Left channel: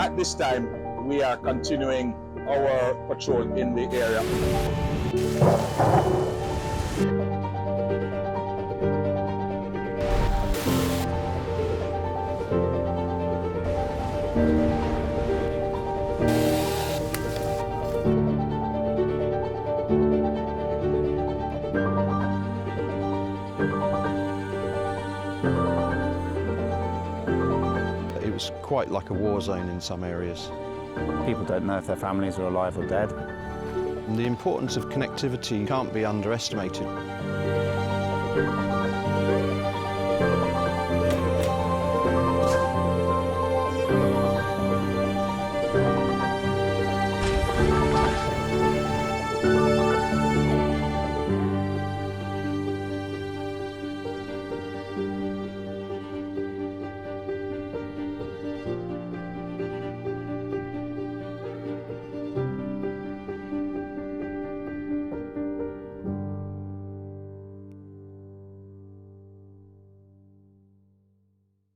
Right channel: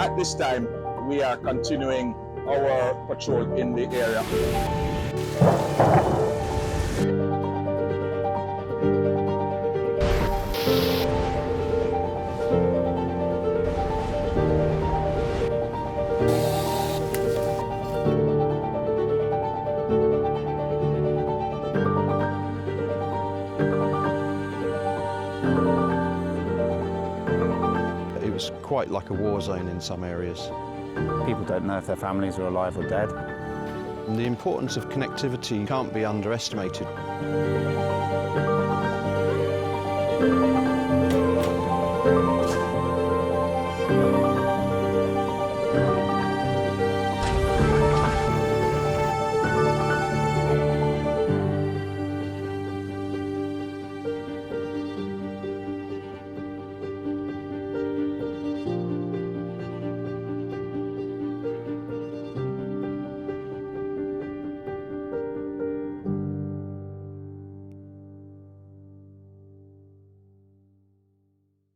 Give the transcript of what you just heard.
At this time, we are continuing our patrol in the area. It was quite like a war zone in some areas. People don't know if their families are alive or dead. And the importance of connectivity can't be underestimated.